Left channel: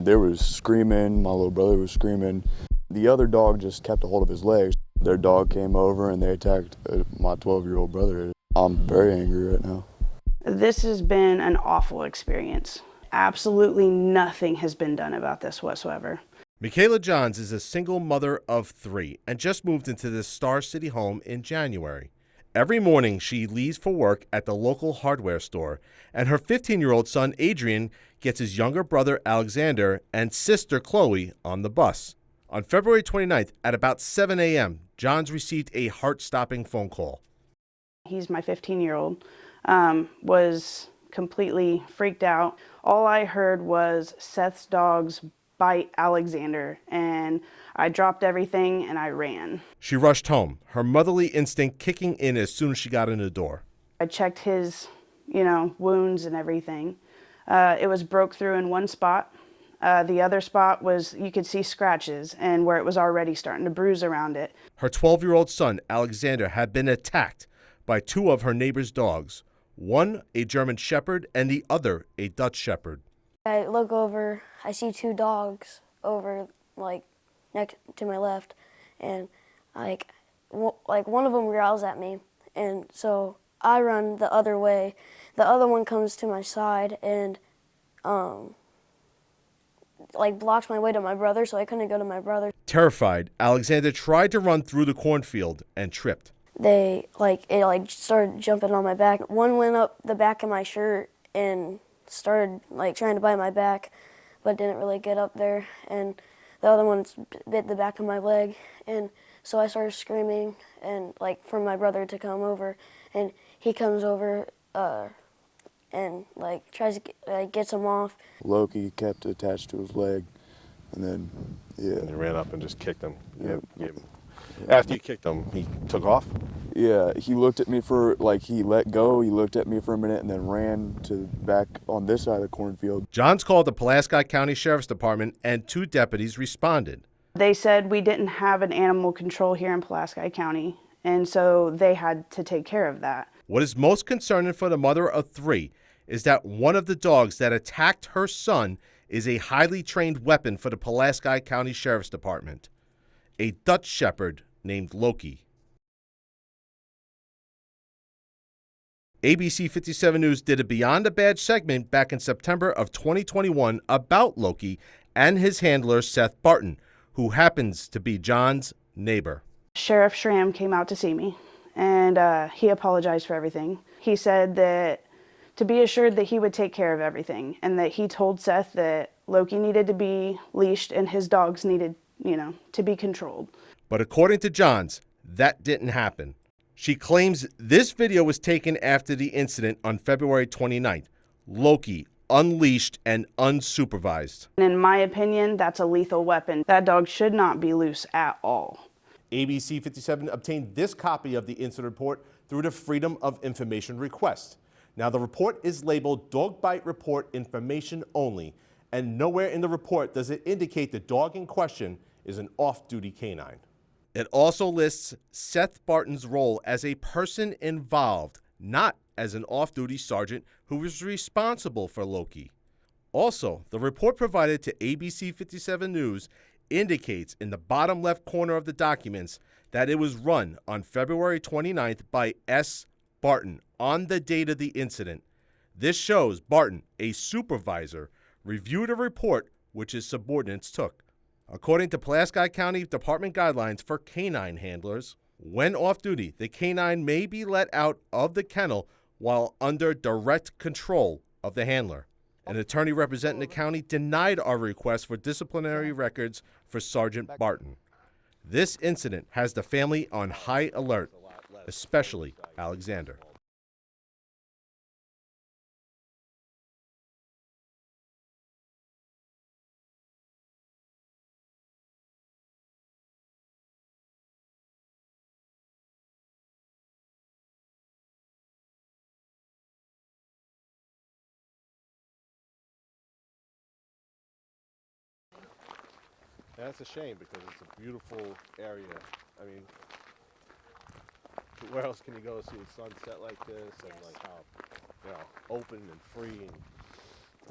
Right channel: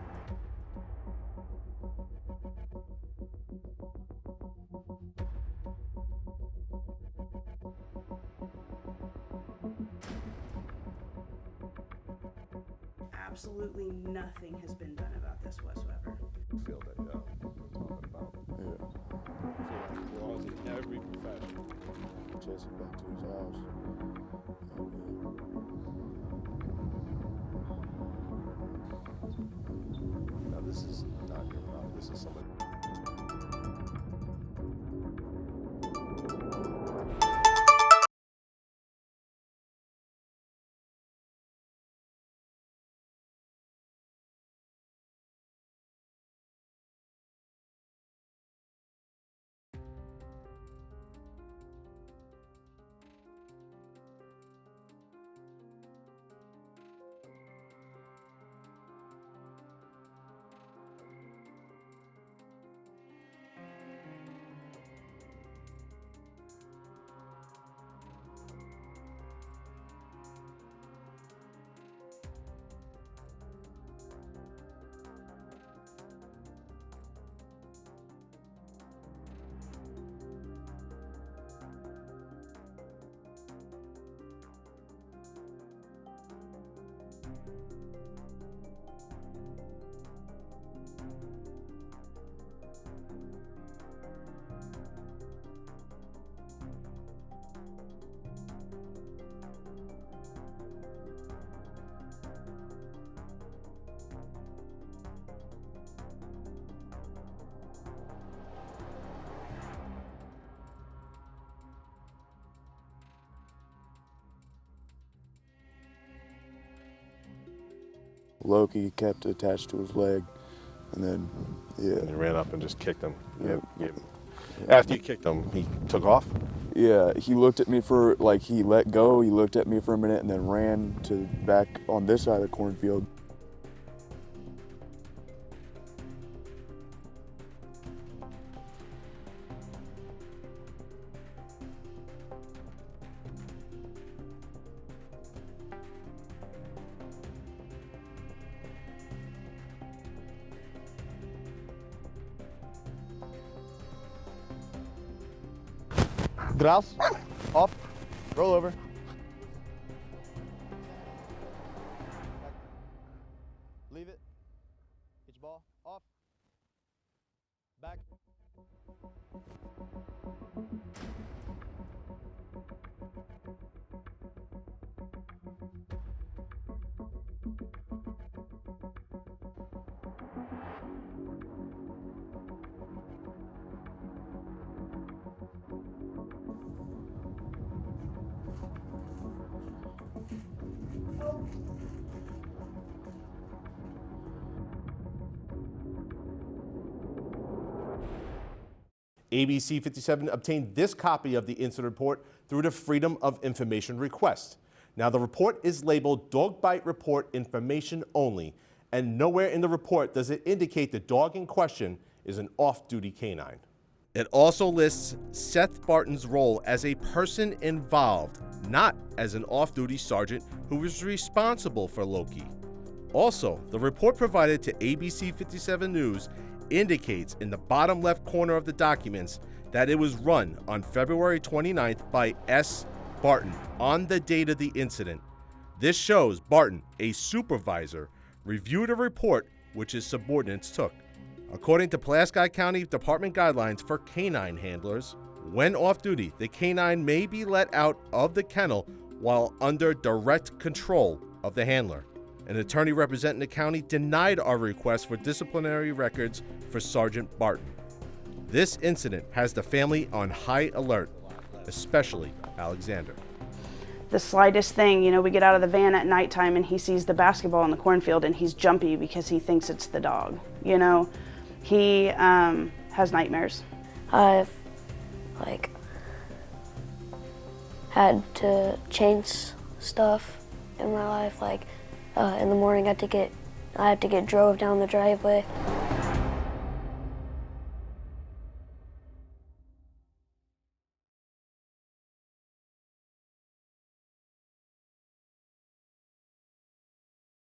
They was screaming, my little brother was screaming. The other dog just kept a hold of his legs. Their dog came over and they attacked my 12-year-old brother. I'm very angry right now. This has been an awful experience. Absolutely nothing has been done about this whatsoever. Michaela Johns is a single mother of 3 and just moved into this Star City home in January. Every morning she leaves for work at the local hardware store, and her 15-year-old son Adrian gets his younger brother Alexander and sister Chloe on the bus. On February 29th at about 7 a.m., Johns received a heart-stopping phone call. He's my 15-year-old, was completely freaked out. All I heard was Seth's dogs bite Alexander, and I dropped everything and I ran. She rushed home, her motherly instinct kicking in as soon as she got in the door. I checked his, wounds and everything. It was broke through in one spot. The other spot was, you could see scratches and where it was already starting to bruise around it. Her 12-year-old son, Alexander, had been attacked by 2 of her neighbor's dogs. One, a German Shepherd, and the other, a Dutch Shepherd. I look over, I see 2 dogs over, next to my left, and one of them growls at me, and so I run the other way. The other one comes to my side and blocks my way to my brother, so I couldn't go to my brother. Terrified, Alexander tried to run through the cornfield and tripped. They started jumping on my back. One went up the back of my shirt and started trying to bite my back, but didn't really get up there. And the other one bit the back of my leg, and so I started screaming and for my brother to come over, and he comes over and tries to gets him off. Loki kept attached to his leg, and then, And you ran up and just kicked him. Yep. After you kicked him, he took off? Yeah, he looked at me for, he let go, he looked at me for a minute and then ran to back on this side of the cornfield. Johns called the Pulaski County Sheriff's Department and 2 deputies responded. They said we didn't have an animal control here in Pulaski County, and so they had to take care of that. What is most concerning for the mother of 3 is that one of the dogs that attacked her son is a highly trained weapon for the Pulaski County Sheriff's Department, a Dutch Shepherd named Loki. Grouse, off, roll over. ABC 57 News did a Beyond the Badge segment back in September of 2021 about Loki and his handler Seth Barton, who happens to be John's neighbor. Sheriff Schramm came out to see me, and he apologized for everything. He said that to be assured that he would take care of everything, and that he told Seth that Loki needed to be leashed and his dogs needed, to be controlled. But according to Johns, that didn't happen. She claims this video was taken after the incident on February 29th. Loki unleashed and unsupervised. And in my opinion, that's a lethal weapon. That dog should not be loose at all. ABC 57 obtained this copy of the incident report through the Freedom of Information request. Now, the report is labeled Dog Bite Report Information Only, and nowhere in the report does it indicate the dog in question is an off-duty canine. It also lists Seth Barton's role as a person involved, not as an off-duty sergeant who was responsible for Loki. Also, the report provided to ABC 57 News indicates in the bottom left corner of the documents that it was run on February 29th by S. Barton on the date of the incident. This shows Barton, a supervisor, reviewed a report which his subordinates took. According to Pulaski County Department guidelines for canine handlers, when off-duty, the canine may be let out of the kennel while under direct control of the handler. An attorney representing the county denied our request for disciplinary records for Sergeant Barton. This incident has the family on high alert, especially Alexander. The slightest thing, we get out of the van at nighttime and he sees the basketball in the cornfield and he's jumpy because he thinks it's the dog. He has nightmares. I've had to change stuff in my life. In the morning I have to get drove down the driveway. That's a shame because it's a beautiful area. I mean, where else can you go to see a sunset like this and how open and free and